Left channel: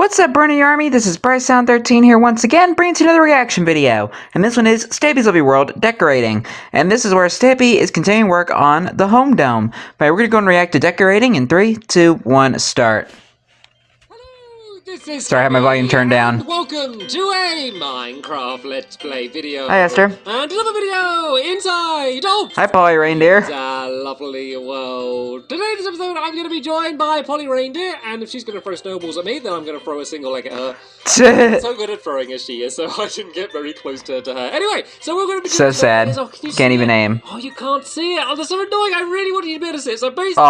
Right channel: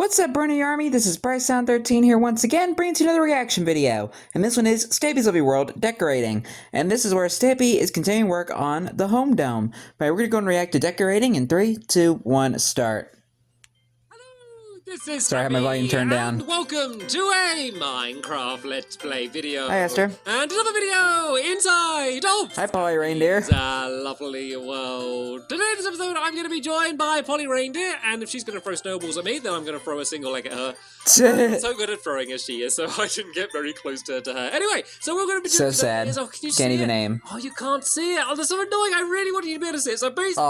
What's up, Bernie Army? This is BryceAllen13 here once again, bringing to another reaction video. And this one is Stampy's Lovely World Decorating. And this is where Stampy is continuing work on the home dome. But we're going to go and react to decorating in 3, 2, 1, start. Sorry, I have my volume turned down. Welcome to a Minecraft Let's Play video. Hi, Esther. And another video inside of Hi, Polly Reindeer. lovely world. Today's episode, I'm going to be joined by Polly Reindeer, and if she's going to throw snowballs at me, then I'm going to throw a single leg at her. So good at throwing as she is, so I didn't get very close to her. Anyway, so we're going to be so sad. Can't even aim. Oh, you can't see it. Oh, that's so annoying. I really wanted you to be able to see it. So basically,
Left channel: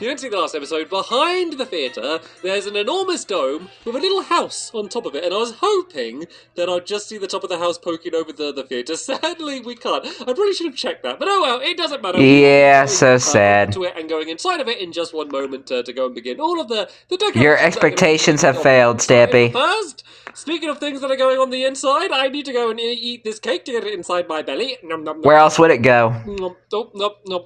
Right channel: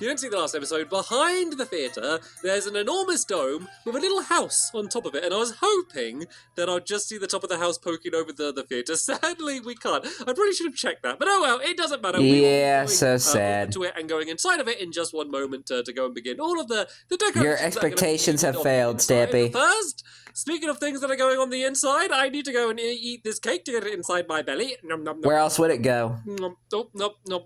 you didn't see the last episode. Behind the theatre, there's an enormous dome with a little house on top of it, and I was hoping that I'd just see the top of the house poking over the theatre. Sadly, we can't. I probably should have checked that, but oh well, it doesn't matter. Yeah, so sad. To it and going inside of it in just one moment to go and begin all of the decorations. Your expectations have failed, Stampy. First, speaking of things that are going on the inside, I need to go and eat this cake to get it inside my belly. Nom, nom, nom. Where else would it go? Nom, nom, nom, nom.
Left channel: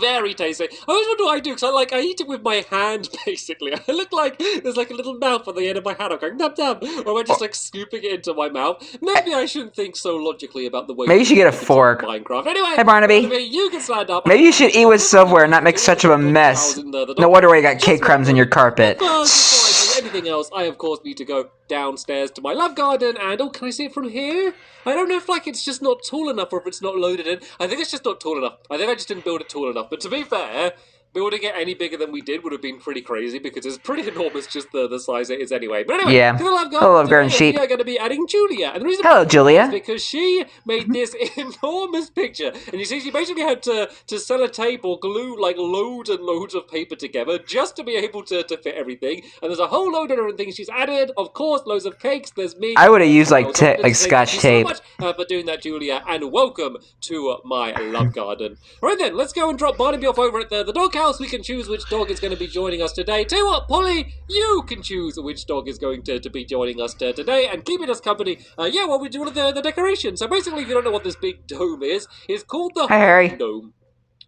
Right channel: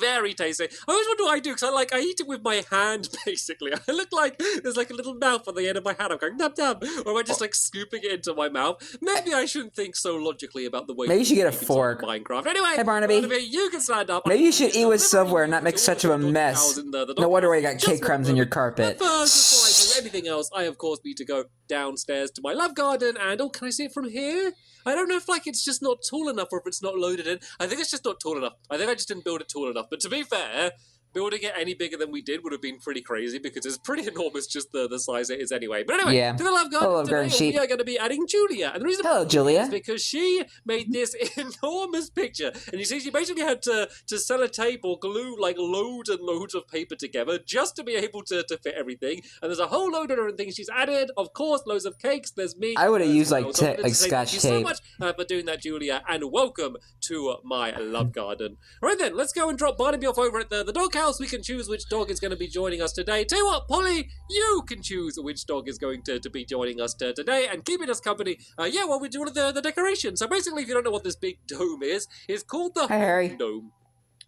Very tasty. I always wonder what I do, because I eat it with my hand, basically. I look like there's like a little mouth on the end of my hand. I'm going, nom, nom. Or am I just like scooping it into my mouth? Maybe I shouldn't think so logically about the way Maybe you should get a fork. Minecraft. Anyway, hey, Barnaby. You can stand up. Maybe you should eat with silverware and not make such of a mess. No wonder why you got cake crumbs in your carpet. First, before I do anything else, I of course need to go downstairs to my love garden, and oh, can I see it from here? I don't know if like it's just not tall enough or if it's not loaded in. I think it's just not tall enough. I think I just didn't build it tall enough. But to be fair, building it any bigger than we did would have been pretty crazy because it's pretty enormous just the size it is anyway. But anyway, yeah. To the love garden, hello, garden sheep. We are going to be adding Julia. And the reason hello, Julia. is because she made this enormous picture. And you see, she basically had to sellotape or glue like loads and loads of paper together just to be able to fit everything. And there's a whole load of different things she's added. Of course, loads of cakes. There's me. I would have used like scotch tape. Thank you so much for doing that, Julia. And welcome to my love garden. All right then, let's go and drop Barnaby off over at the doghouse. We can choose which dog is going to be joining us today. Tell you what, Polly, you can choose which dog is going to be joining us today and keeping us company. While we do all of the decoration. So basically, if you don't know what this big dome is, it's called the Harry. Dome.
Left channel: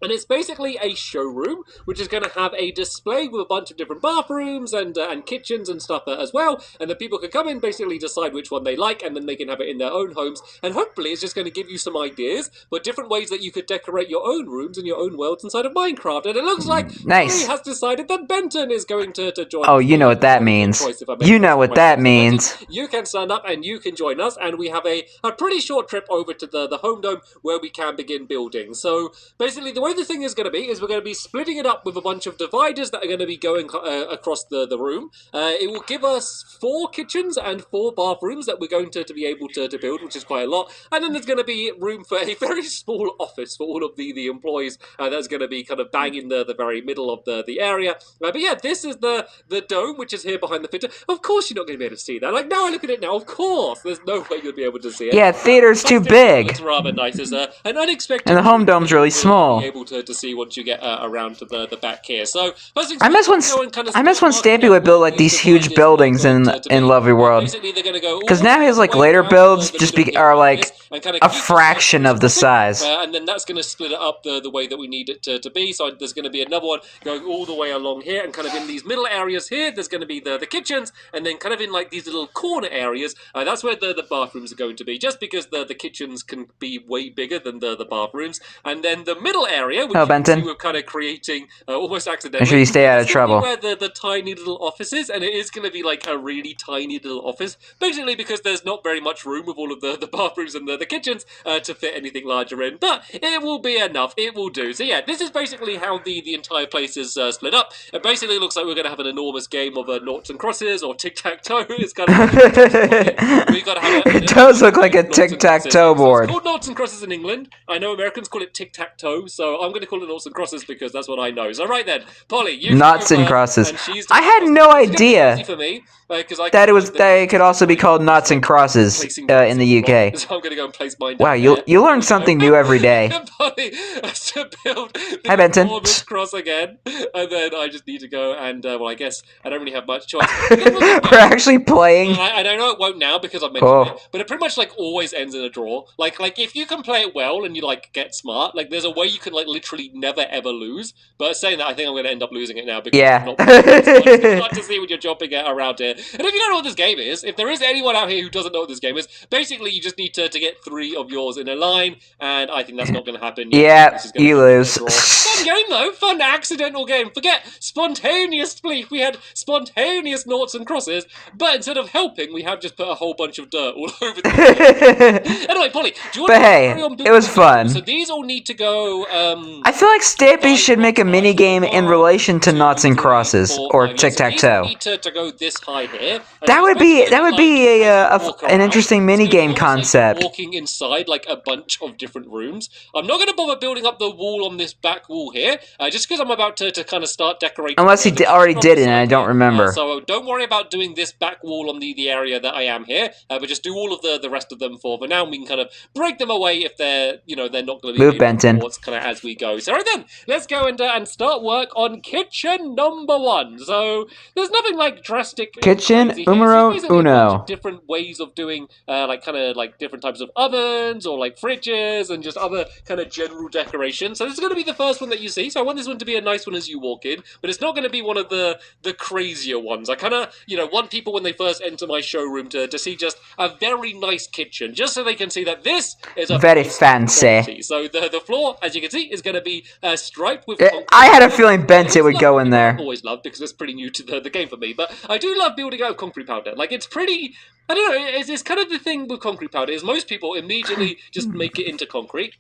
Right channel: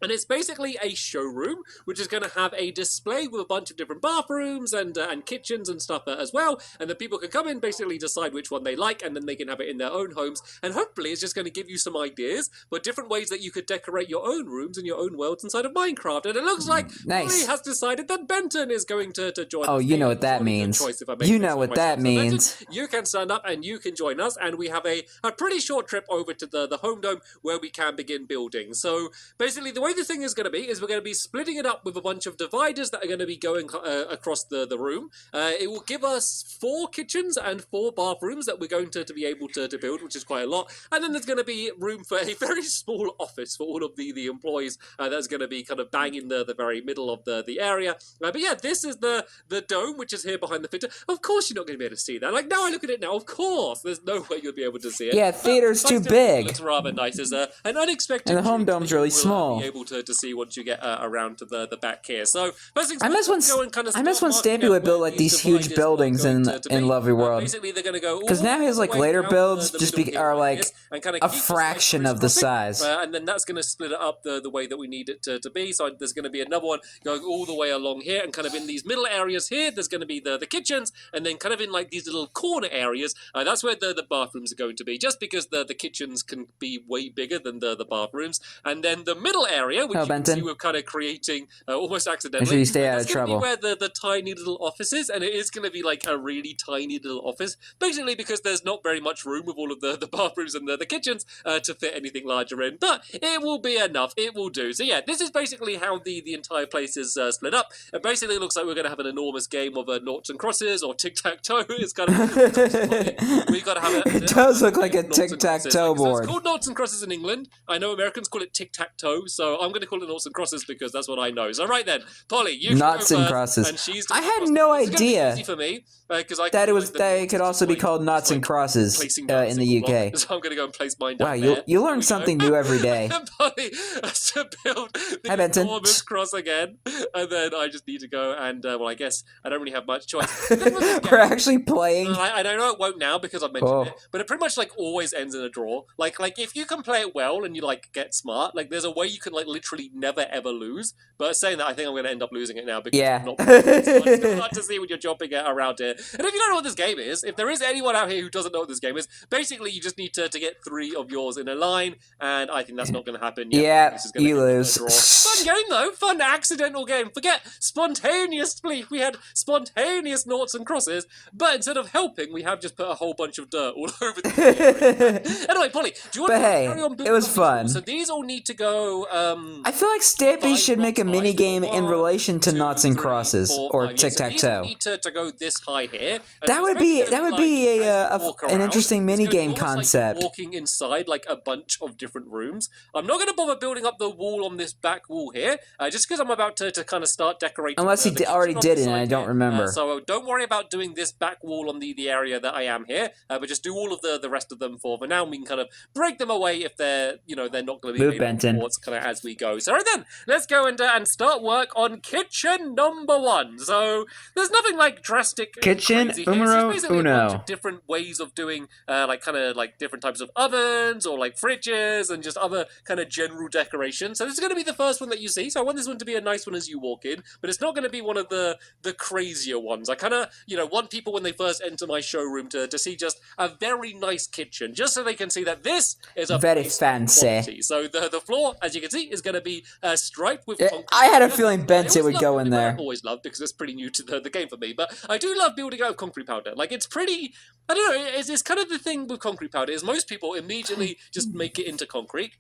And it's basically a showroom, which is going to have a display with a bunch of different bathrooms and kitchens and stuff as well. And then people can come in, basically decide which one they like, and then they can have it in their own homes. And hopefully it's just going to give you some ideas for different ways that you could decorate your own rooms and your own worlds inside of Minecraft. And it looks like nice. Polly has decided that Benton is going to join us. Oh, you know what that means. You know what that means. Benton, you can stand up and you can join us. And we have a pretty short trip over to the home dome where we can begin building. So basically the way the thing is going to be is we're going to be splitting it up with a bunch of dividers that are going to be going across the room. It will give us 4 kitchens and 4 bathrooms that we're going to be able to build, which is quite a lot. And then there's going to be room for a very small office for all of the employees. That's going to be kind of bang in the very middle of the area. But yeah, this is the dome, which is here behind the theatre. Of course you're not going to be able to see that. Like, now I look at it now, of course. There's no way you'll be able to see it. Yeah, theater's too big. It's rather nice. It's an unexpected... And the home dome's really small. Be able to see once you get around to the back here. So I miss when Stampy would build like these huge buildings in Lovely World. Because now his like later builds just are like a fraction of the size. And then that's going to split it up the way that we need it to be. So there's going to be another one going all the way along here, and kind of in these middle areas here, there's going to be the kitchens, and then kind of in like these little corner areas, that's where the bathrooms are going to be, just because the kitchens can be way bigger than the bathrooms. And then the middle area, which we're kind of creating almost accidentally. Make sure you stay out of trouble. Where the tiny little office is, and it is going to be like a really tiny little office, basically because there's not very much room with all of the bathrooms and the kitchens to fit anything larger in, but it will be enough. It will do. So yeah, this is basically how the entire place is split up. And basically it looks like we're going to have an enormous game of noughts and crosses or tic-tac-toe. It's kind of we got to have it does look like a tic-tac-toe board. It's called noughts and crosses in England. I know Americans call it tic-tac-toe, so I'm going to call it noughts and crosses because that's what I know. So right then, Polly, you knots and crosses. I had no idea for me, that it could also be called knots and crosses in the UK. So I'm going to go and place mine. Wow, you learn something new every day. Polly has to build Hi, Benton. enormous cross again, and then I just need to go and well, I guess I don't really have much choice. We're actually playing. I don't know it won't now because I've mentioned it, but it pretty much like always ends in a draw. Like if you can play it well and you like get smart, like there's a way you can like literally never ever lose. But saying that, I think I'm going to end up losing it now because Yeah. I'm not it's hard to see when you're jumping around here. And if you don't know what this game is, if there is anyone out here who doesn't know what this game is, basically you just need to get 3 of yours in a line, and I think that's not going to happen. Yeah, you lose. Fun game though, fun accidental game. Forget spontaneous belief. We had spontaneous noughts and crosses, but instead of helping, we have just put a whole bunch of dirt all over the place. Anyway, Polly, do you want But to hey, carry on building it was fun. So these all need to go. I feel like Stampy should make a mini game in relation to noughts and crosses or tic-tac-toe. Need to go this high here. That would be an interesting mini game concept. Walking inside like a bunch of different rooms. I'm not going to bother building up the wall on this back wall here, just because I'm about to kind of start decorating. Unless he already did it and I don't remember. So don't worry about doing this back wall on the area that I am here, but just do all of the rest of them for now. And we can kind of break them away if they're not going to be Move, Benton. kind of as we go. So right then, let's go and start work on kitchen number 1. So there's nothing like drastic. Kitchen numero uno. Different ways of doing like different types of ovens or like fridges and just other kind of general decorations. So this is going to be the first one that you see. So I want this one to be a nice one as you walk in, but it's not going to be one of the crazier ones. I kind of want people when they first enter my showroom to see just a very nice kitchen, just so they can see that this is a very fancy quality. So the floor, as you can see, is going to be striped with I had a feeling Benton would go in there. I've always loved because it's pretty new to the game for me, but I do love building out of concrete powder. Like, it's pretty, I don't know, it's kind of the thing with concrete powder is most people immediately just make it into concrete.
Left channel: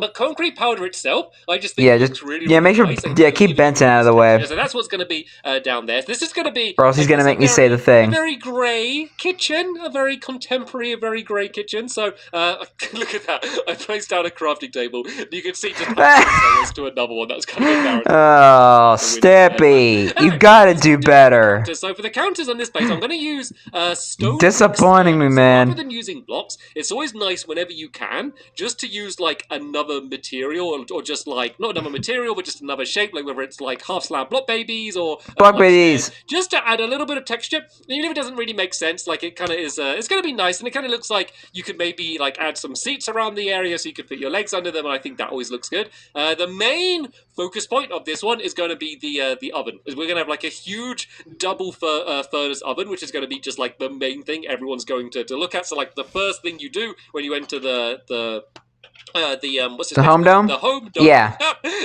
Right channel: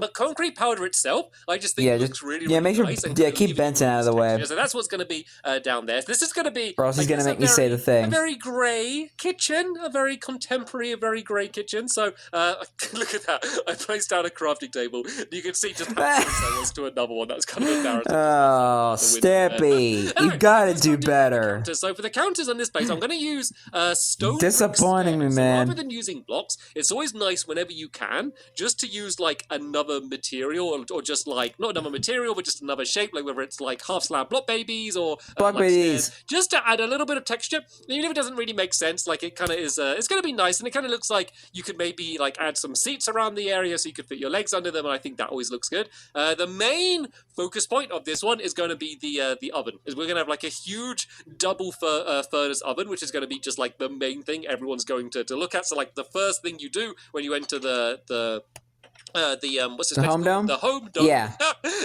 But concrete powder itself, I just think it's really make sure nice keep Benton out of the way. So that's what's going to be down there. So this is going to be, or else he's going to make me say the thing. A very grey kitchen, a very contemporary, a very grey kitchen. So look at that. I placed down a crafting table. You can see just to another one. That's kind of embarrassing. Oh, Stampy, you got to do better. So for the counters on this place, I'm going to use stone. Disappointing me, man. Rather than using blocks, it's always nice whenever you can just to use like another material or just like not another material but just another shape, like whether it's like half slab block babies or block babies, just to add a little bit of texture. Even if it doesn't really make sense, like it kind of is it's going to be nice, and it kind of looks like you could maybe like add some seats around the area so you could fit your legs under them, and I think that always looks good. The main focus point of this one is going to be the oven. We're going to have like a huge double furnace oven, which is going to be just like the main thing everyone's going to look at. So like the first thing you do when you enter the home dome? The home dome. Yeah.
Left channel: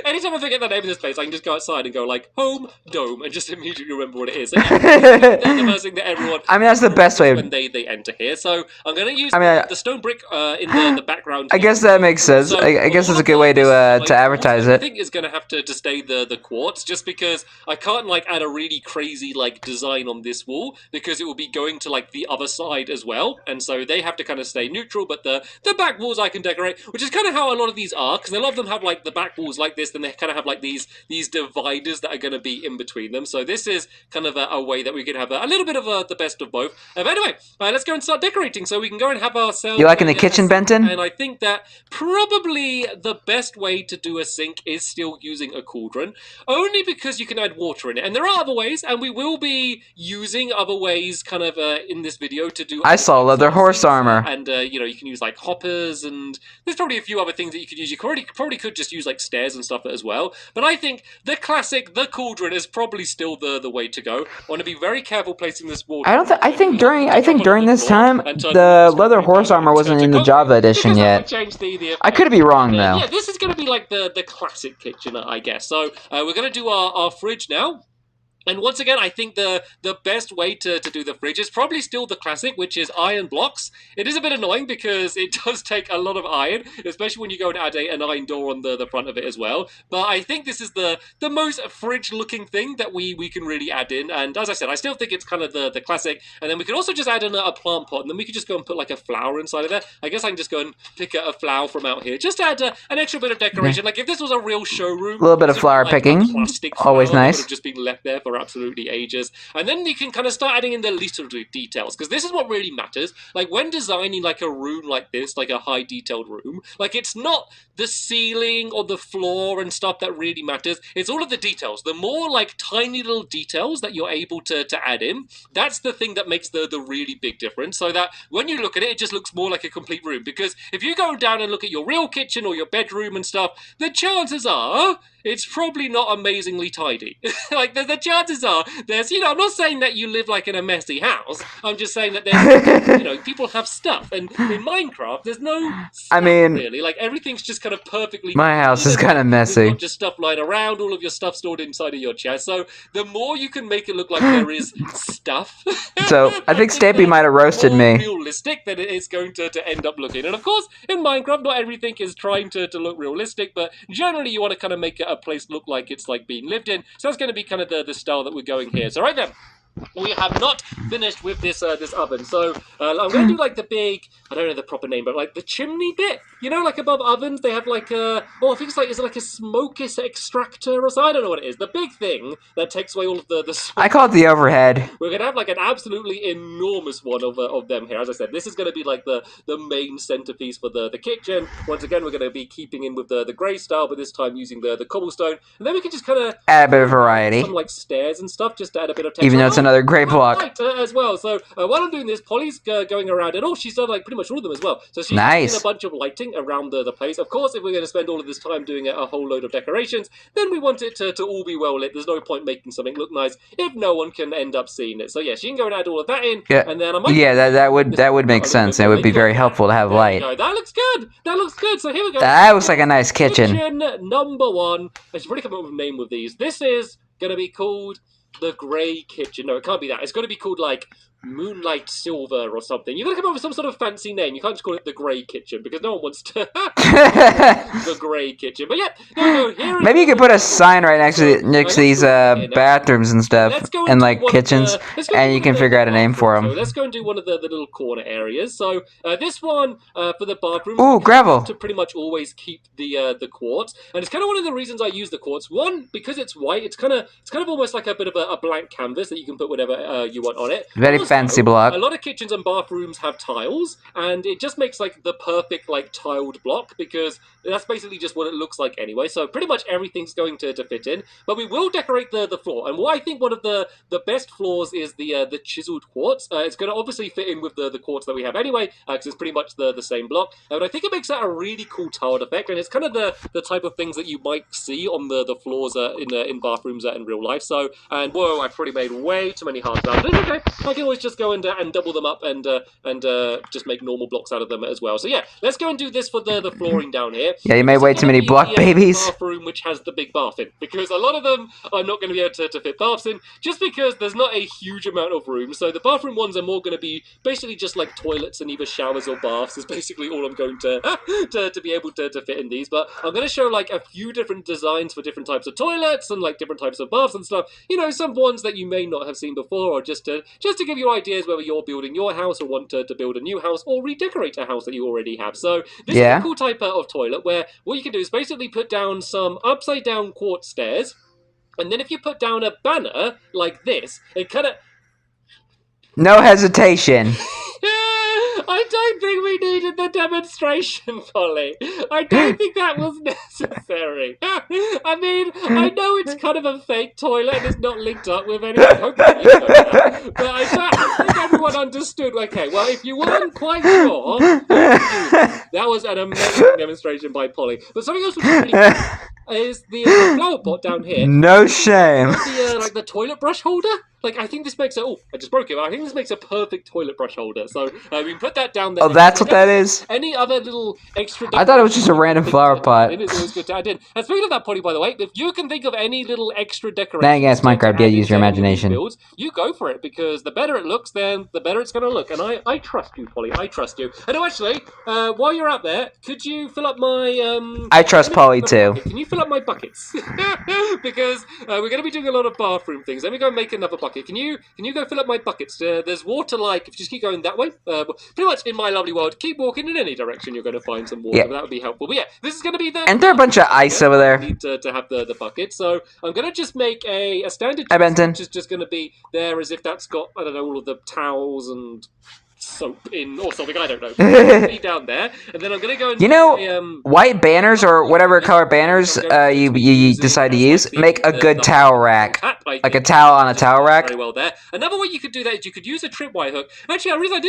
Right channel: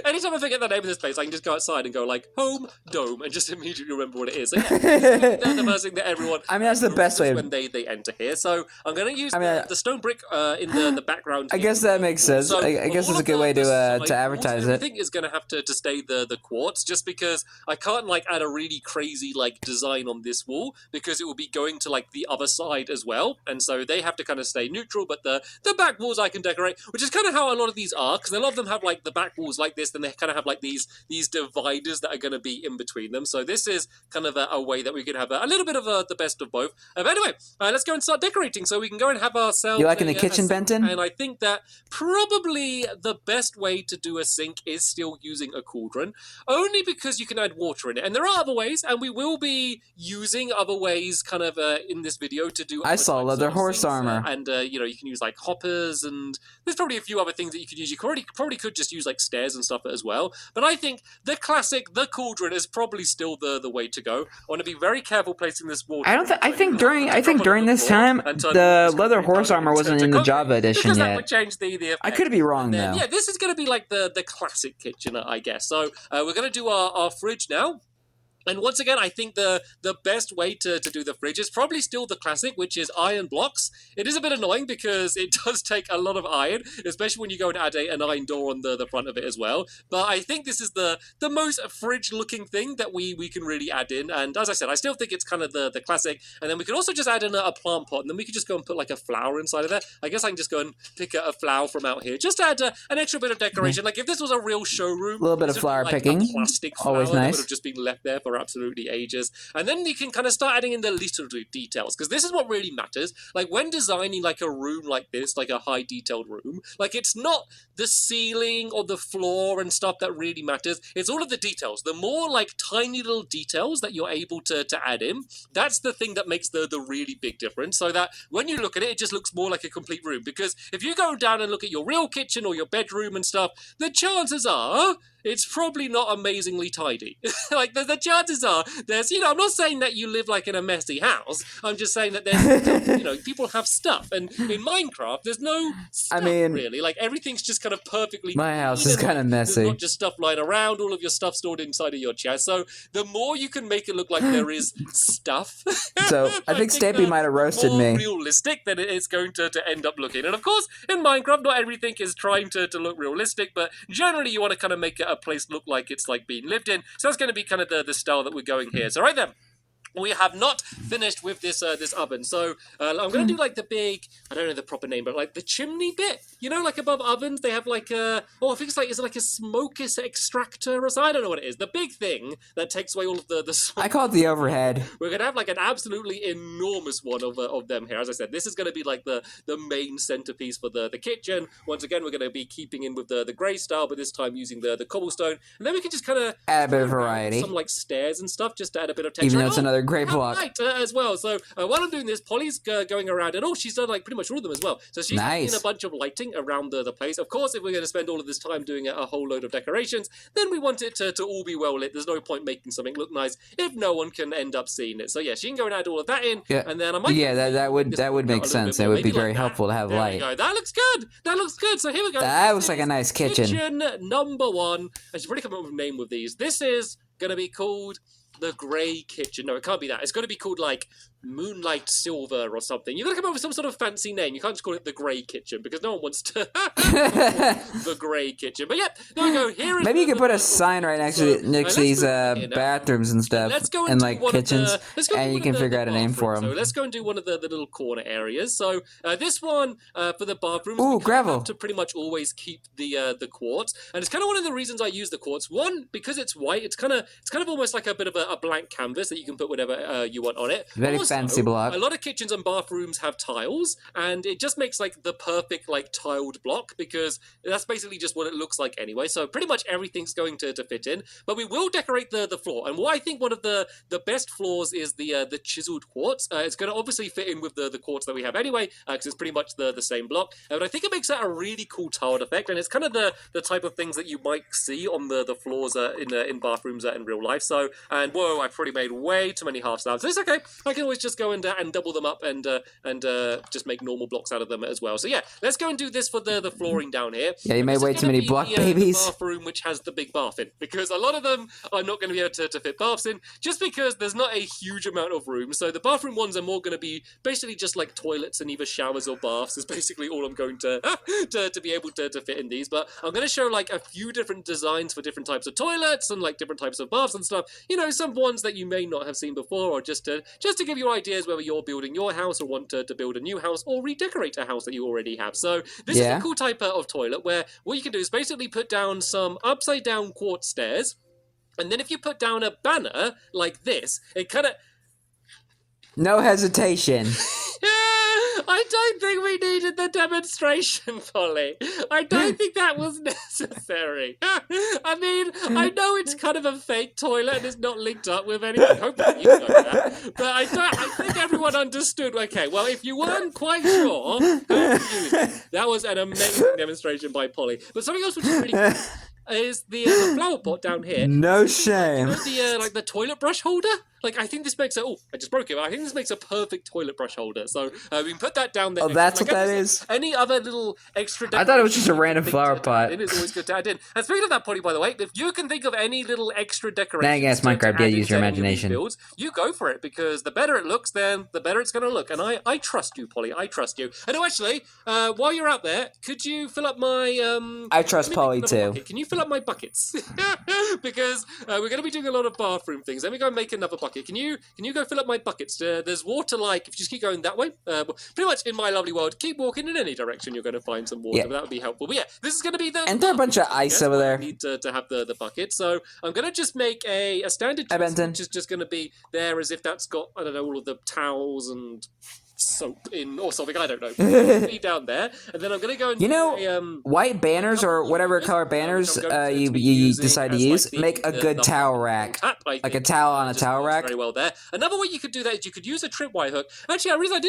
Anytime I forget the name of this place, I can just go outside and go like home dome and just immediately remember what it is. So, the first thing that everyone. I mean, that's the best way when they enter here. So I'm going to use the stone brick in the background. I guess that makes sense. So I guess that's a good way to advertise it. I think is going to have to stay the quartz, just because I can't like add a really crazy like design on this wall because it will be going to like the other side as well, and so they have to kind of stay neutral. But the back walls I can decorate, which is kind of how a lot of these are, because a lot of them have like the back walls like this, then they kind of have like these dividers that are going to be in between them. So this is kind of a way that we could have a little bit of the best of both. But anyway, let's go and start decorating so we can go and have ourselves. You like in the kitchen, Benton? And I think that probably the best way to do a sink is still using a cauldron, only because you can add water in it. And there are other ways, and we will be using other ways kind of in this video to do. I saw leather horse armor. And you can use like hoppers, and there's probably a few other things that you could use. You probably could just use like stairs and stuff as well. But I think the classic, the cauldron, is probably still the way to go. I want to be very careful placing this water. I think during this time the leather horse armor wasn't in the Java edition yet. I could be wrong though. Yeah, this is going to be like the classic kitchen, I guess. So we're going to do our fridge now. And once again, I think the best way to do the fridge is probably still the classic, which is iron blocks. It is a bit annoying because it does take a lot of iron, especially when you go and add an iron door on the front of it as well. But I think this is the most fridge-looking thing that we can really add in. And as I said, I still think it's kind of the classic. And then we could also just add in a plant pot, and then we could just go and put like a flower inside of there. I guess I can just go and pick a flower from out here, just to add an extra bit of decoration. Like if this was a real showroom, a little bit of flower picking, always nice. Would have just been left there for for absolutely ages. And then you can kind of start adding in the little details, because this is what really matters. Like when designing like a room like this, like a high detailed room, like it's not the ceiling or the floor and stuff that really matters. It's all of the details. The more like tiny little details that you're able to add in, that's the thing that makes the really big difference. So that when you look at it, it just looks more like a complete room. Because if you go down and look at your real kitchen or your bedroom and stuff, the chances are it's probably not amazingly tidy. Like, the chances are there's, I'm not saying that you live like in a messy house. I'm just saying that there's, people have stuff. And in Minecraft, there's no stuff, really. Like, everything's just kind of perfectly... My house is kind of messy. There's not just stuff lying around, all of your stuff stored inside of your chest. So the more you can make it look like there is stuff... So, I think Stampy might have roasted me. Realistic than it is going to end up looking. And of course, in Minecraft, not everything is trying to look realistic, but generally you want to kind of make a place look like it's like being lived in. So that's going to be kind of the style that we're going here. So right then, we have not finished with this oven. So I'm going to do like the big, I don't know the proper name, but like the chimney bit. Like above ovens, they have like I think it's like, is it like a smoke extractor or something? I don't know what it is. The big thing that takes away all of the smoke. I call it the overhead. We're going to have like an absolutely enormous one of them here. As I said, this is going to be like the main centerpiece for the kitchen. Once again, we're going to be keeping in with the grey style, but this time using the cobblestone. And then we can just kind of add a bit of variety. Some like stairs and stuff, just to add a bit of texture. Even though it's another grey block. Right, as well. So while I'm doing this, Polly's going around, and she's done like pretty much all of them as well. So she's doing a bunch of lighting around the place. Of course, if we're going to spend all of this time doing a whole load of decorations, then we want it to all be well lit. There's no point making something look nice if no one can end up seeing it. So yeah, she can go and add all of that in. Yeah, and then I might that would make sense. It would be very helpful to have light. That looks good. That looks good. So here we go. That looks like a nice kitchen. Kitchen number 1. I should probably come up with a name with these. This is going to be called the Grey Kitchen. No, it can't be that. It's going to be called like Moonlight Silver or something. You've got to come up with some sort of fancy name. You can't just call it the Grey Kitchen because no one wants to. The Grey Kitchen. But yeah, there we go. Here maybe you could put a sign right next to these bathrooms and stuff, and like kitchens, and you can figure out a name for them. So let's go and do one of the little corner areas. So this one for the bathroom. Ooh, gravel. To pretty much always keep the quartz, and it's kind of one of the reasons I use the quartz. One, because it's white. It's kind of almost like a bit of a blank canvas that you can put whatever you want on it. Very fancy block. A lot of kitchens and bathrooms have tiles, and it just makes like the perfect like tiled block because that's basically just what it looks like anyway. So pretty much everything's going to fit in. But we will decorate the floor, and what I think one of the best floors is the chiseled quartz. It's going to obviously fit in with the quartz that we have anyway, because it's pretty much the same block. But I think it makes that a really cool tiled effect, and it's kind of the type of things that you might see on the floors in bathrooms in real life. So, and whoa, I've probably made way too many hard slabs. It's okay. I can always just go and double them up and just make normal blocks out of them as well. So yeah, let's go and do this for the flooring down here. Yeah, you made way too many block babies. Bathroom which has the big bath in, because a lot of them are not going to be able to fit baths in, just because there's not a huge amount of room. So the bathroom ones are more going to be basically just like toilets and either showers or baths is basically all I'm going to be able to fit in these. But I'm going to show like a few different designs for different types of toilets and like different types of baths and stuff. Some ones that you may not have seen before, or just to give you ideas whether you're building your house or want to build a new house or redecorate a house that you already have. So this is a cool type of toilet where what you can do is basically put down some upside down quartz stairs, and then if you put down a banner like this, it kind of... No hesitation. I don't think we needed the demonstration, Polly. I don't think that was necessary. I mean, I know it's kind of a fake toilet and it's not linked up with anything. Hopefully you know that. But I don't think everyone understood. Okay, well, if you weren't quite sure, that was an amazing demonstration by Polly. But something else which is really cool is the flower pot down here. No shame. Like the toilet brush holder. Like, I think this makes I just broke it. I think this makes a perfect toilet brush holder. So we can put that down there. Oh, that's what that is? Any other little extra... I thought it was just a random flower pot. It is always good to add in. And speaking of that, Polly, by the way, if you can think of any little extra decorations... Then against Minecraft, yeah, use your imagination. Builds, you go for it, because the better it looks, then the better it's going to look. And I trust you, Polly. I trust you. And actually, while you're out there, could you fill up my I trust Polly too. Can you fill up my buckets? Because we're going to be doing a lot of bathroom things. Let me go and make another bucket. Can you go fill up my buckets? There's water, like, if you just keep going that way. Pretty much in my lovely world, keep walking in any direction, you're going to find some water. Yeah. That would be helpful. But yeah, this is going to be the... And there are a bunch of ice over there. I need to have the bucket. So I'm going to just make a standard Hi, Benton. which is just going to be there as if that's got, I don't know, all of the towels and soap in or something, I don't know. Be down there, and then I'm gonna go and white banners or whatever color banners you decide to use make a good towel rack, like a towel on a towel rack. Very well there. Another way you could do that is you could use a tripwire hook. Actually, I realized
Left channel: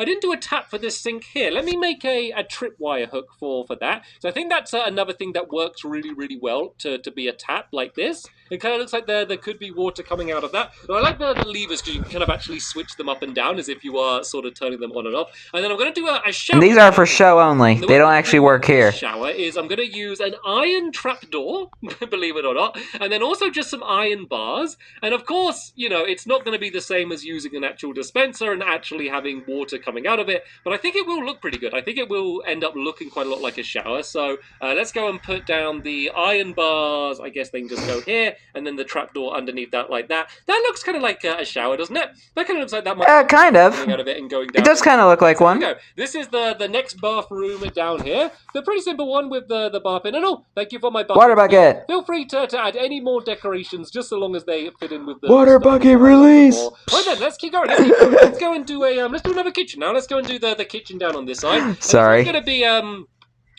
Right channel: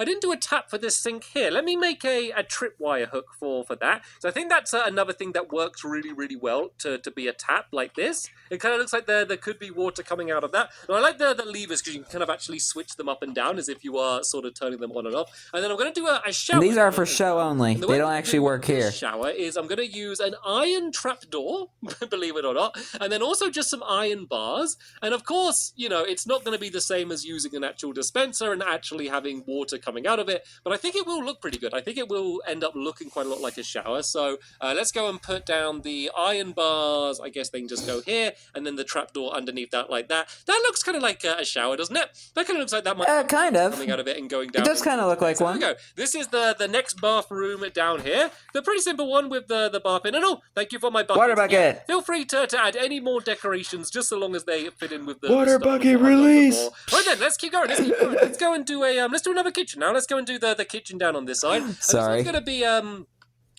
I didn't do a tap for this sink here. Let me make a tripwire hook for that. So I think that's another thing that works really well to be a tap like this. It kind of looks like there could be water coming out of that. And I like the levers because you can kind of actually switch them up and down as if you are sort of turning them on and off. And then I'm going to do a shower. And these are for show only. They don't actually work here. Shower is I'm going to use an iron trapdoor, believe it or not, and then also just some iron bars. And of course, you know, it's not going to be the same as using an actual dispenser and actually having water coming out of it, but I think it will look pretty good. I think it will end up looking quite a lot like a shower. So let's go and put down the iron bars. I guess they can just go here, and then the trapdoor underneath that like that. That looks kind of like a shower, doesn't it? That kind of looks like that might kind of. out of it and going down. It does kind of look like one. Go. This is the next bathroom down here. The pretty simple one with the bath in. And thank you for my bucket. Water bucket. Feel free to add any more decorations, just so long as they fit in with the water bucket release. Right then, let's keep going. Let's go and do let's do another kitchen now. Let's go and do the kitchen down on this side. Sorry. It's going to be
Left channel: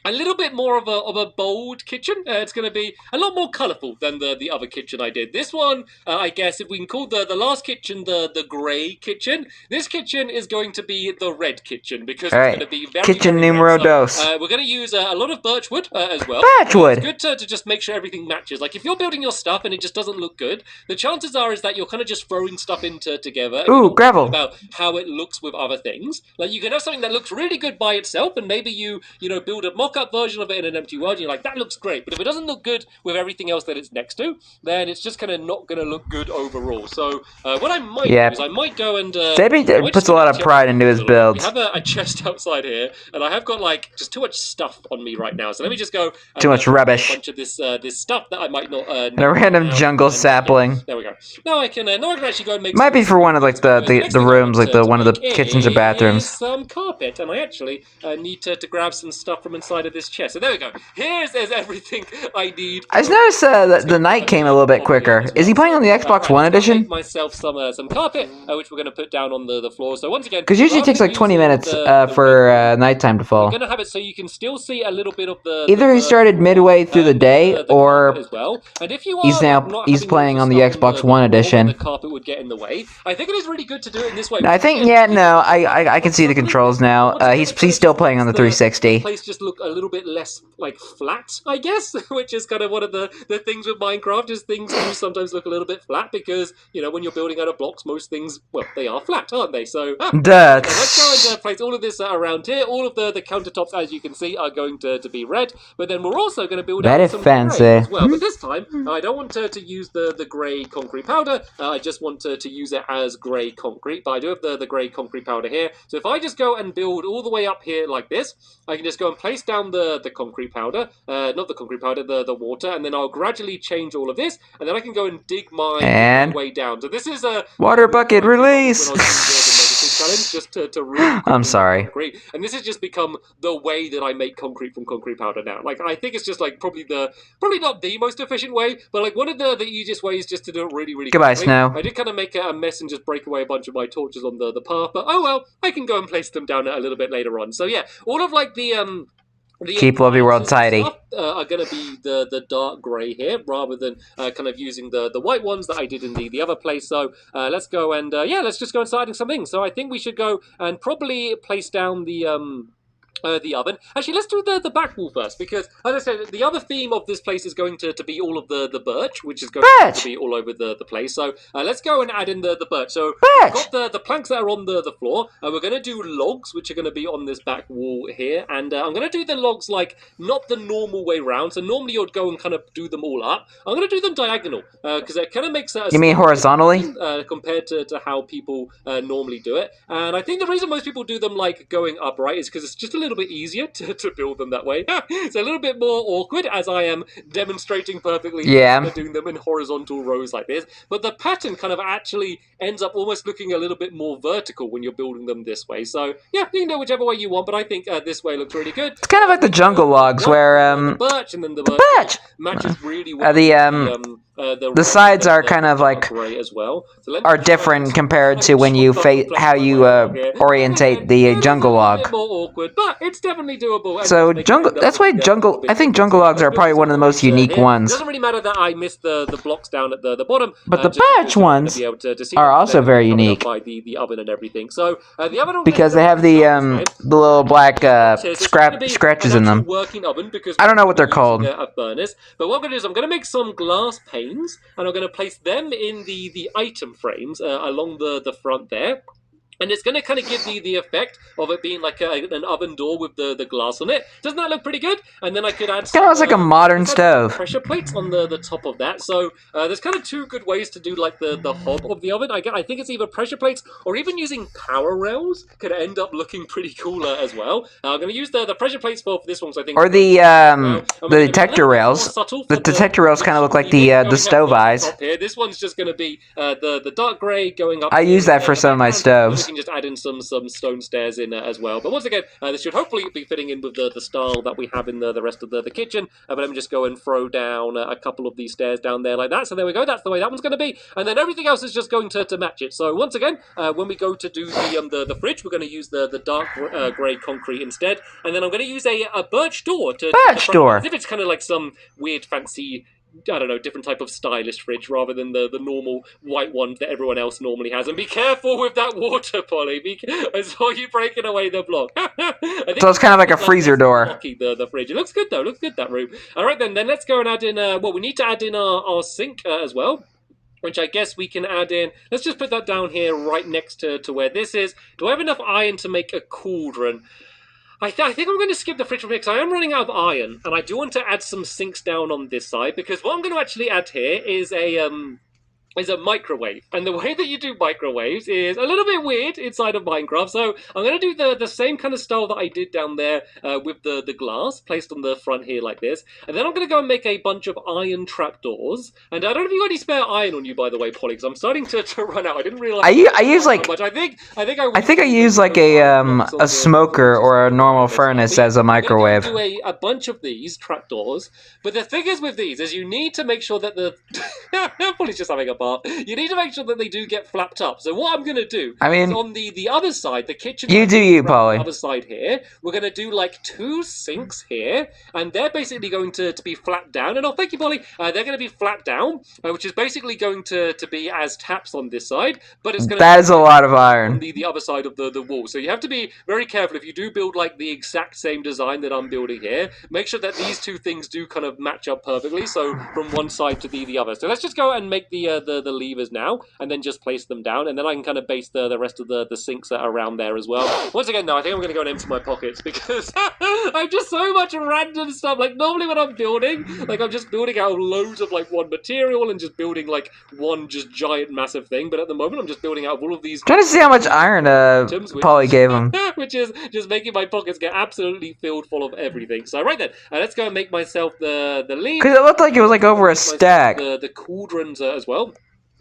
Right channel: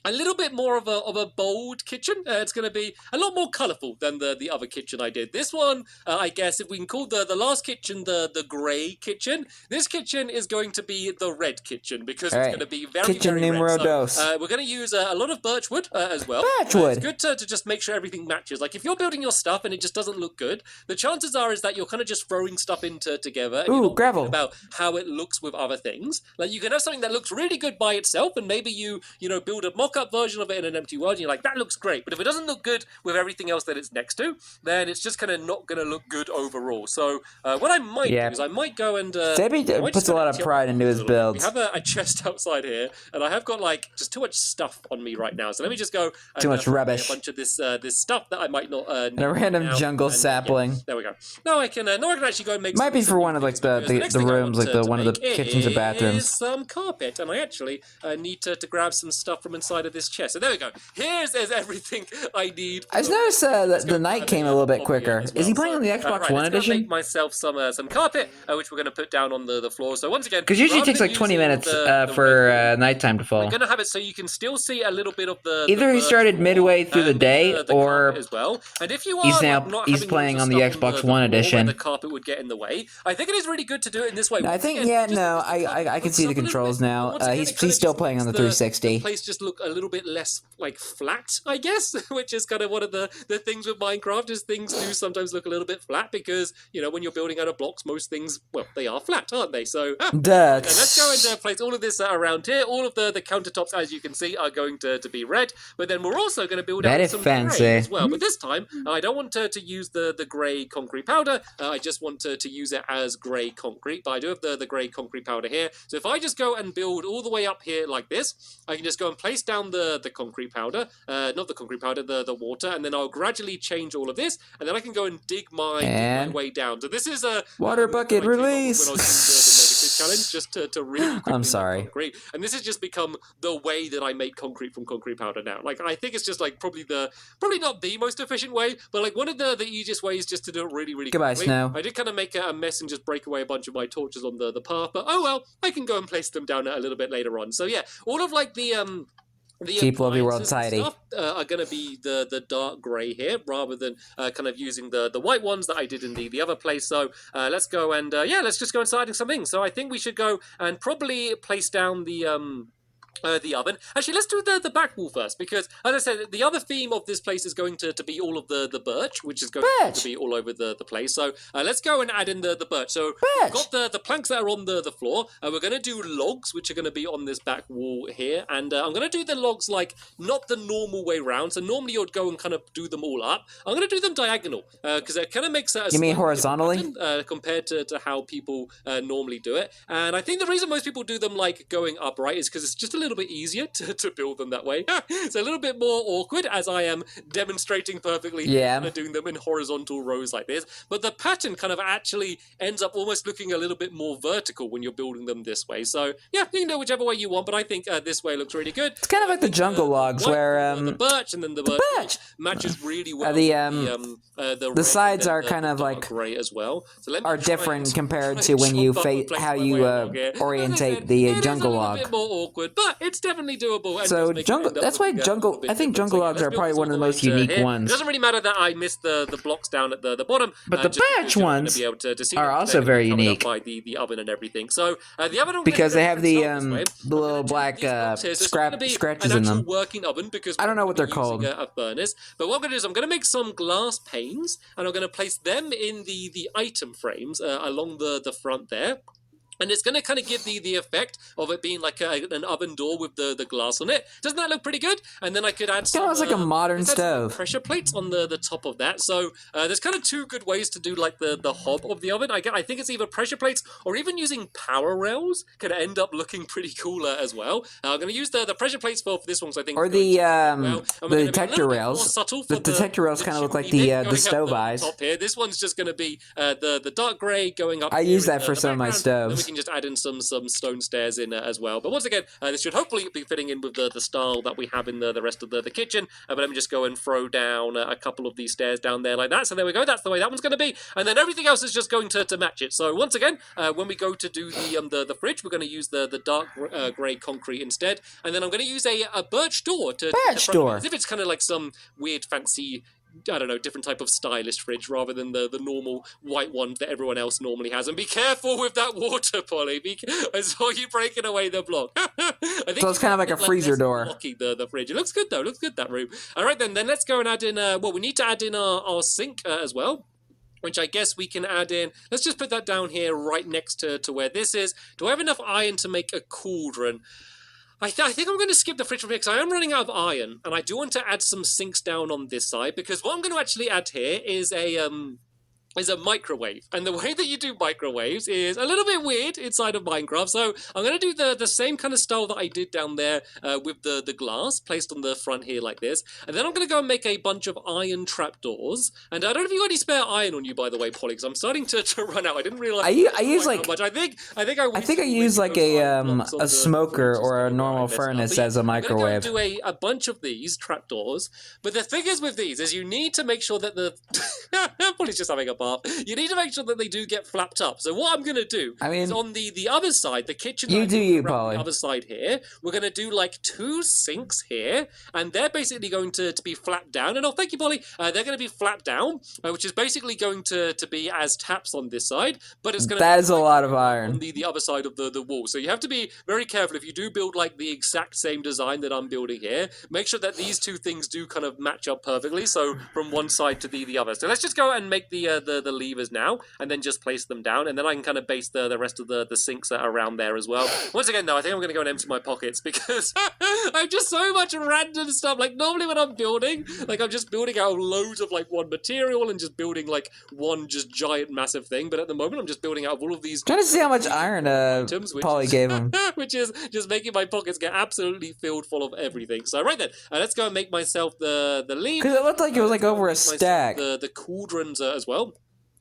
a little bit more of a bold kitchen. It's going to be a lot more colourful than the other kitchen I did. This one, I guess, if we can call the last kitchen the grey kitchen, this kitchen is going to be the red kitchen because it's going to be very kitchen very numero red. dos. So, we're going to use a lot of birch wood as well. Birch wood. It's good to just make sure everything matches. Like if you're building your stuff and it just doesn't look good, the chances are is that you're kind of just throwing stuff together. Ooh, gravel. About how it looks with other things. Like you can have something that looks really good by itself, and maybe you build a mock-up version of it in an empty world, and you're like, that looks great. But if it doesn't look good with everything else that it's next to, then it's just kind of not going to look good overall. So what I might do is I might go and... Stampy puts a lot of pride into his builds. We have a chest outside here, and I have got like just too much stuff on me right now. So let me just go... Too much rubbish. A bunch of this stuff that I might not... and a random jungle sapling. There we go. No, I can actually go and make... Might be for one of like the rooms, like one of the kitchens or bathrooms. Some carpet, and I actually need to grab some stuff from inside of this chest. So there we go. Here's everything I need. I just noticed that the night came a little bit quicker. Is he playing on the Xbox One edition? Make myself some carpet, which we're going to put down on the floor. So once again, because usually it takes like 20 minutes for nighttime to fall. I'm going to have it so you can still see a little bit of the... Either he started midway through the day, or as well. And if you he's playing on the Xbox One edition. The carpet would get in the way. I think it is really good to do it in this way. I think I can see the controls now. He's still playing on the 360. The place just look a little bit less like flat, I guess, which is kind of one of the things with Minecraft is things do sometimes look a little bit flat because, you know, when you're building out of blocks, most things, well, they are flat, aren't they? So let's go and place all of this around here. All of the countertops, as you can see, are going to be red, but then we're also going to build out some fancy grey as well. But this time, I don't want to use the grey concrete powder. I just want to use it as grey concrete, but I do have the grey concrete powder here. So if I just go and build all the way up here like this, I can just go and place down the concrete powder, not the concrete powder, the water, and then I'll gradually change all of this, and then I can go and dig my way down. So this is a water bucket release. Challenge just to really I'm sorry. Concrete. And this has just become the way that I make concrete from concrete powder now. Like I think it's just like probably not the most efficient way, but like one of the easiest ways just to do it really Goodbye, quickly. Snow. I did kind of make a mess and just break away a bunch of my torches on the path, but oh well, I can go and place them down a little bit later on. So yeah, all of like the keep Lovely World tidy. Are going to be the dark grey here, rather than kind of using the white ones that I did in the other place. So let's go and let's just go and start adding some things. So I think we should go and probably place down the oven. Actually, let's do the back wall first, because, as I said, the other theme of this place is going to be all of the birch, which is going to be all over the place. So let's go and add in the birch. So we've got the planks that are on the floor. We're going to do logs, which are going to be on this back wall here. And I'm going to do the logs, like, not the normal way round. So normally you'd go and kind of do them all up. I'm going to do them diagonal, because it kind of makes a... You mean horizontally? Compared to how people normally do it. And I think the reason most people do them, like, going upright is because it's just a little little bit easier to build them that way. It's a little bit more awkward as I am demonstrating perfectly doing them in horizontal rows like this. But the pattern kind of actually ends up almost looking a little bit more vertical when you're building them this way. So yeah, you can do whichever way you want, but I think this way looks really good. It's kind of like the jungle logs where the birch and then the birch matches really well. The sides are kind of like gray as well. So are different compared to when you how you orientate the jungle log. A bit more awkward, but it's definitely doable. So jungle. That's why jungle. I think jungle logs are probably one of the most unique ones. It doesn't really matter that I missed the blocks down at the bottom. But the birch ones are also very unique. By the oven and everything. So the oven because they have the little black scratches in them. I don't know what they're called. Burners. But what I'm going to do is I'm going to make some glass panes and I'm going to place them in the item frames along the front there. And it's going to kind of give the effect of it being like an oven door with the glass on it. Doesn't that look pretty good? And then I could add some... It looks like a modern stove. Pressure plates on the top of that. So there's kind of two good ways to do like the hob of the oven. I think it's either pressure plates or even using power rails could end up looking pretty cooler as well. I'm going to use the pressure plates for this one, so I think... Or the detector rails. The detector rails kind of look like the stove eyes. Here. This one's just going to be the dark grey going up. I use that for some of my stoves. We can just add in some stone stairs in as well. But once again, this should hopefully be fitting in with the style that we have in the rest of the kitchen. But let me just go and throw down a couple of these stairs down there like that. So there we go. That's the way that one's going to be. And then everything else is just going to match it. So once again, when we go to do the fridge, we're going to use the dark grey concrete instead. And then I'm going to use a birch door as if it's kind of like some weird fancy, I don't know, different type of stylish fridge rather than the normal white one that everyone else normally has. And be careful with that water, Polly. I saw you breaking away the block. So it's kind of like a freezer door. The fridge. It looks good though. Looks good, that room. All right then let's go and add in. We need to add in our sink as well, which I guess we can add in. Let's just put that down here right next to where this is. Do I have enough iron to make a cauldron? I think I'm going to skip the fridge from here because I am running out of iron, and I do want to add some sinks down on this side, because what I'm going to actually add here is a microwave. And the way that you do microwaves is a little bit weird inside of Minecraft. So I'm going to do the same kind of style that I did down there with the glass placed on the front here like this. And then I'm going to go and make a bunch of iron trapdoors. And I don't know if you got any spare iron on you, by the way, Polly, because I'm starting to run out. I didn't realize I use like much. I think I use like a smoker or a normal furnace as a microwave. I'm going to do a bunch of these trapdoors. But the thing is with these is you need to make sure that the Polly's just having a bar. You need to make sure that they do get flapped up. So what I'm going to do is on the other side, the kitchen... You do you, Polly. The other side here, we're going to do like 2 sinks here, and they're basically going to be flapped down. And thank you, Polly. They're going to be flapped down, which is basically going to be as taps on this side, but it's going to... That is a lot of iron. On the other side of the wall. So you have to be very careful if you do build like the exact same design that I'm building here. Make sure that these two things do kind of match up perfectly, so from one side to the other. So let's just go and make the levers now, and then just place them down, and then I can kind of base the rest of the sinks that are around there as well. Once again, no, I think I'm going to go and empty my pockets because I have just so much random stuff. Like normally when I'm building, like I'm just building out loads of like one material and just building like one just giant massive thing, but at the moment I'm just building out all of these... Trying to see how much iron Polly gave him. Which is just making my pockets get absolutely filled full of everything. So right then, let's go and make myself the lead. Because it looked like it was like over a stack. The cauldrons as well,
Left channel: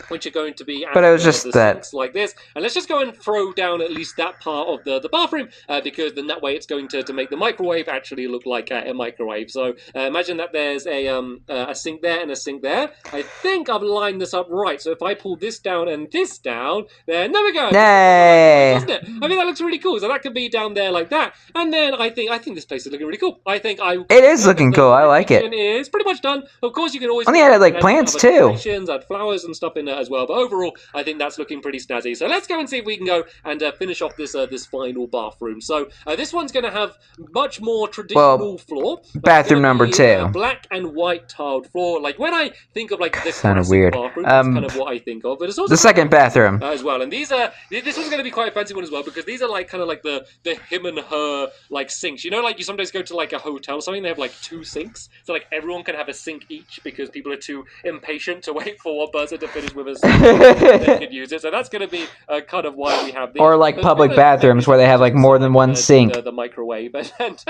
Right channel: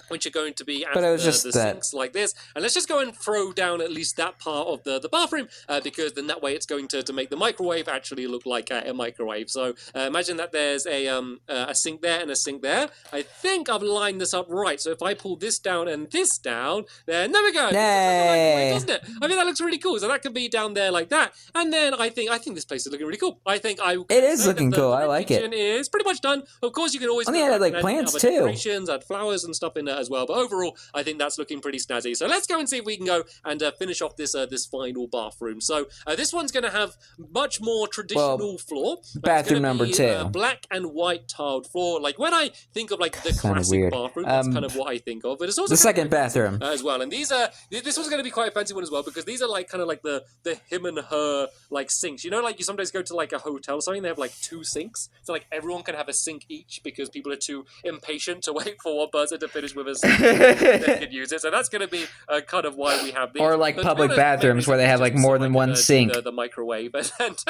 which are going to be but it was just that like this. And let's just go and throw down at least that part of the bathroom, because then that way it's going to make the microwave actually look like a microwave. So imagine that there's a sink there and a sink there. I think I've lined this up right. So if I pull this down and this down, then there we go. Yay! Isn't it? I mean, that looks really cool. So that could be down there like that. And then I think this place is looking really cool. It is looking cool. I like it. It's pretty much done. Of course, you can always add like plants too. Add flowers and stuff in as well, but overall I think that's looking pretty snazzy. So let's go and see if we can go and finish off this final bathroom. So this one's going to have much more traditional floor. Bathroom number 2. Black and white tiled floor. Like when I think of like the classic weird bathroom, that's kind of what I think of. But it's also the second bathroom as well. And these are this one's going to be quite a fancy one as well, because these are like kind of like the him and her like sinks. You know, like you sometimes go to like a hotel or something, they have like 2 sinks, so like everyone can have a sink each because people are too impatient to wait for one person to finish with with us that could use it. So that's going to be kind of why we have these. Or like public bathrooms where they have like more than one sink. The microwave and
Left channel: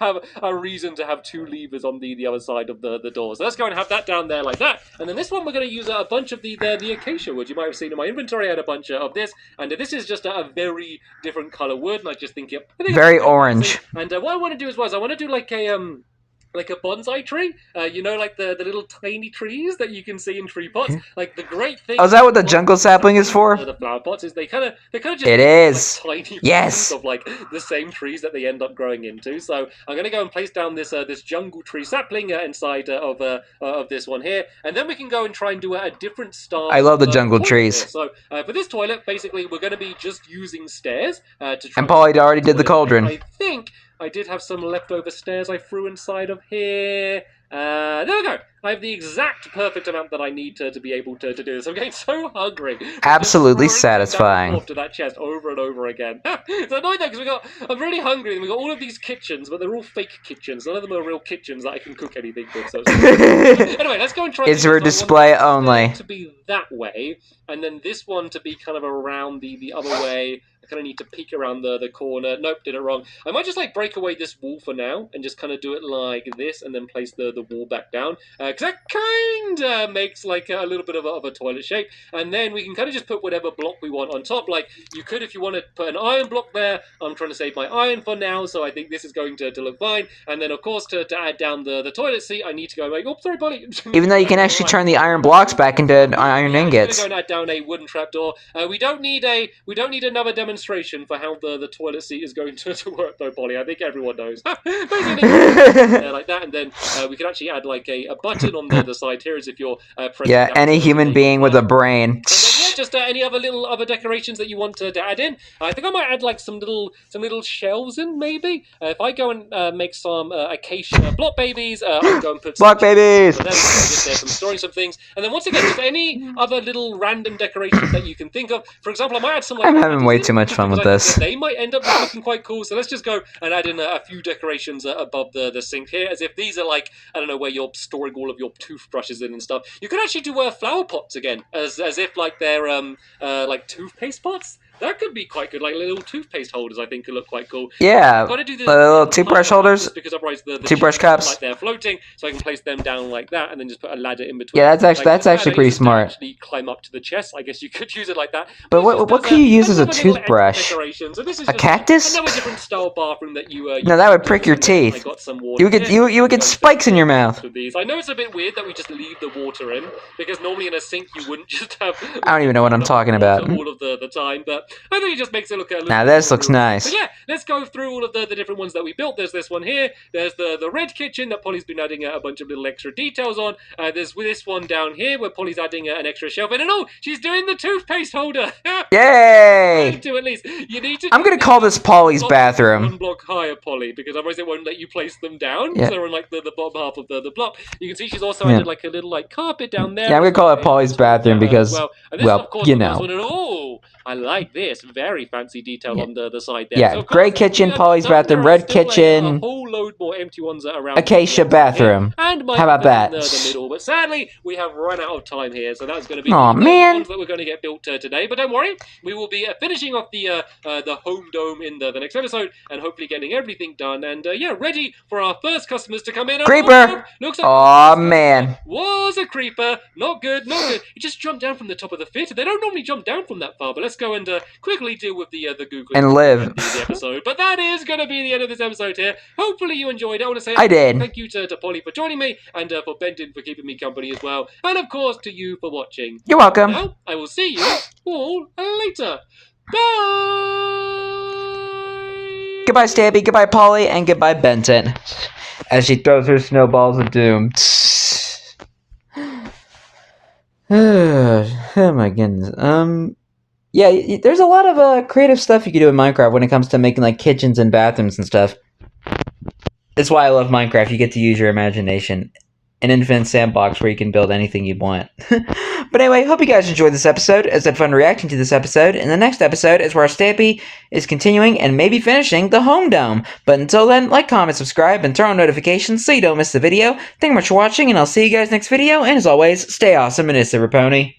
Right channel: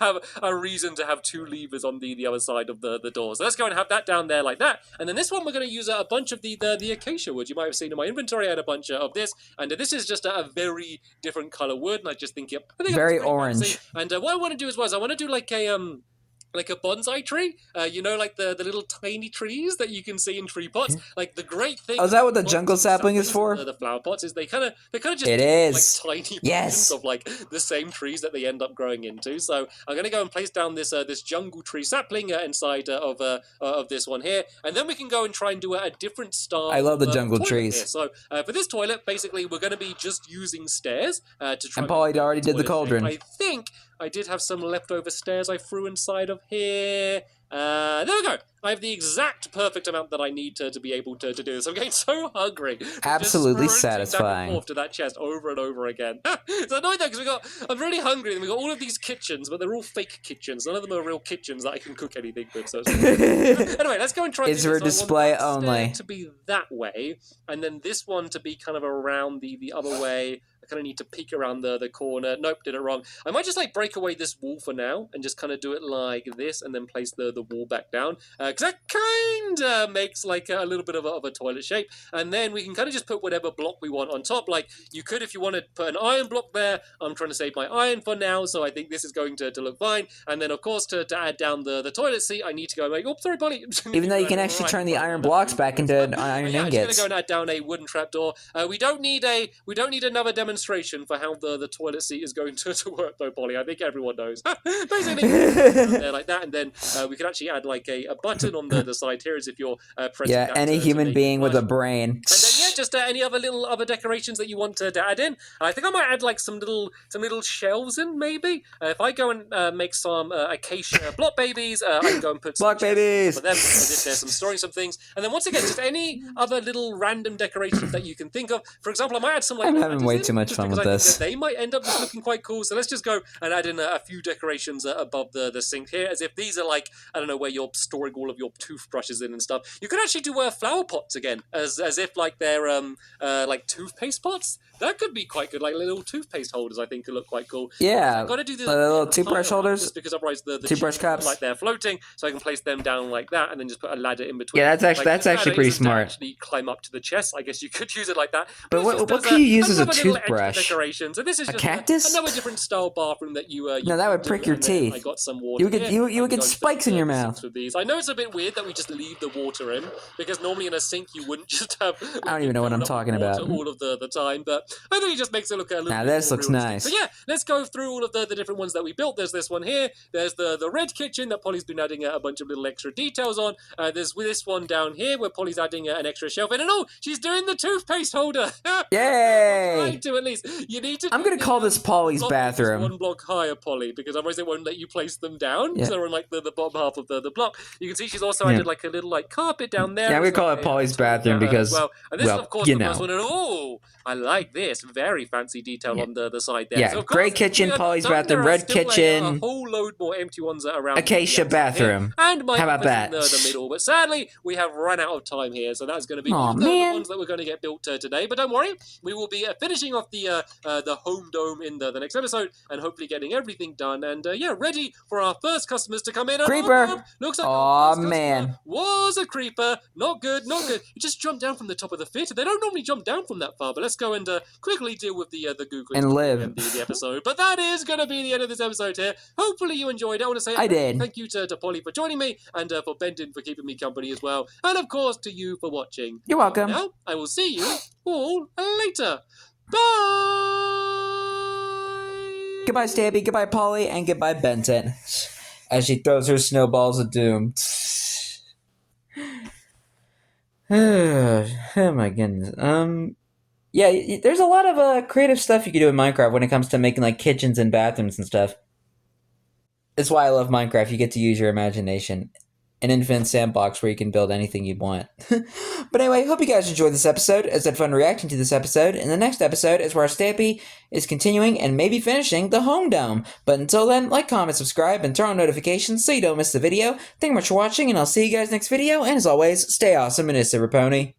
have a reason to have 2 levers on the other side of the door. So let's go and have that down there like that. And then this one we're going to use a bunch of the acacia wood. You might have seen in my inventory I had a bunch of this, and this is just a very different color wood, and I just think very orange. And what I want to do I want to do like a bonsai tree, you know, like the little tiny trees that you can see in tree pots. Like the great thing. Oh, is that what the jungle sapling is for? The flower pots is they kind of just. It is. Like, tiny yes. Of like the same trees that they end up growing into. So I'm gonna go and place down this jungle tree sapling inside of this one here, and then we can go and try and do a different style. I love the jungle trees. So for this toilet, basically, we're gonna be just using stairs to try. And Polly already did the cauldron. I think I did have some leftover stairs I threw inside of here. There we go. I have the exact perfect amount that I need to be able to do this. I'm getting so hungry. Absolutely satisfying. Off to that chest over and over again. It's annoying though because I'm really hungry and we've got all of these kitchens, but they're all fake kitchens. None of them are real kitchens that I can cook anything with. So anyway, let's go and try. It's for display only. To be that way, and then this one to be kind of around the other way. Kind of need to peek around the corner. Nope, did it wrong. I might just like break away this wall for now and just kind of do it like this and then place the wall back down because that kind of makes like a little bit of a toilet shape, and then we can kind of just put whatever block we want on top. Like you could, if you want to put an iron block there. I'm trying to save my iron for now, so I think this is going to look fine. And then of course to add down the toilet seat, I need to go and make, oh sorry Polly. Even though you can actually turn the iron blocks back into iron ingots. I'm going to go and add down a wooden trapdoor. We don't need another demonstration for how the toilet seat is going to work though, Polly. I think everyone knows. Like that, and then we can actually add like a button on the side here as if you're pressing. Yeah, any human being with a brain. And then, yeah, just any other decorations that you want to add in. I think I might add like some little shelves in maybe. If I go and make some acacia block babies, I'll go and put block babies. Then some storing some things, and then once again, just any other little random decorations that you can think of. For example, I might add some. Like, I'm having way too much fun with this. They might end up looking quite cool. So let's just go and add in a few decorations above the sink here, as if these are like, I don't know, where you're storing all of your toothbrushes in and stuff. You could actually do flower pots again, as if like they're like toothpaste pots. That could be quite good, like little toothpaste holders. I think could look quite cool. Yeah, got to do the little toothbrush holders, because otherwise the toothbrush cups, like they're floating. So I can place them down like that, and then just put a ladder in between. Yeah, that's actually pretty smart. Actually climb up to the chest. I guess you could use it like that. But what can you use as a toothbrush? So this is a cactus? Another different style bathroom that you. No, that would prick your teeth. I got some water. You would get spikes in your mouth. I know it's a bit weird that we just leave the water in, because normally in a sink you wouldn't just have. I don't even know what I'm talking about. All of the time, but I think it just makes it look a little. Now this looks nice. So yeah, let's go through all of the different ones that we built. There's this one here. There's the red kitchen that Polly's been adding a bunch of little extra details on. There's this one down here where Polly's adding an extra shelf in, and oh, she's doing the toothpaste holder. Yay! To at least you need to. I'm gonna call this Polly's bathroom. One block higher, Polly, because otherwise it won't let you place them down. Yeah. So we're in like the bottom half of the block. You can see she's also added like a little like carpet down there. Yeah, I'm gonna call it Polly's bathroom because, you know. I like this. Very fancy detail on the side there. Yeah, so gray kitchen, Polly's bathroom, red kitchen, a whole load more empty ones around acacia bathroom. And how about that? The middle. But sadly, we have run out of time here, so that's going to be the ones that we're going to get built today. But don't worry, we will be finishing off the home dome in the next episode, and hopefully getting everything done. And yeah, ready for our first customers to come in. Creeper! Looks like oh man! Was a creeper. Not good. Not good. It just jumped down from the top of the theater. They don't normally jump down from that far. But let's go and quickly deal with the Google and live. The episode. But that is going to be the end of this episode here. Hopefully you enjoyed it. I want to say I did. Thank you to Polly for joining me, and for Benton for keeping me company as well, and of course to you for watching. You're welcome. Now I will see you all later. Bye. Goodbye, Stampy. Goodbye, Polly, and goodbye, Benton. As she throws her snowballs of doom. Oh my goodness. Yeah, there's a lot of creative stuff you can do in Minecraft when it comes to making like kitchens and bathrooms and stuff. That's why I love Minecraft. You get to use your imagination. An infinite sandbox where you can build anything you want. But anyway, hope you guys enjoyed this episode, as I had fun reacting to this episode. And the next episode is where Stampy is continuing and maybe finishing the home dome. But until then, like, comment, subscribe, and turn on notifications so you don't miss the video. Thank you much for watching, and I'll see you guys next video. And as always, stay awesome and it's a Pony.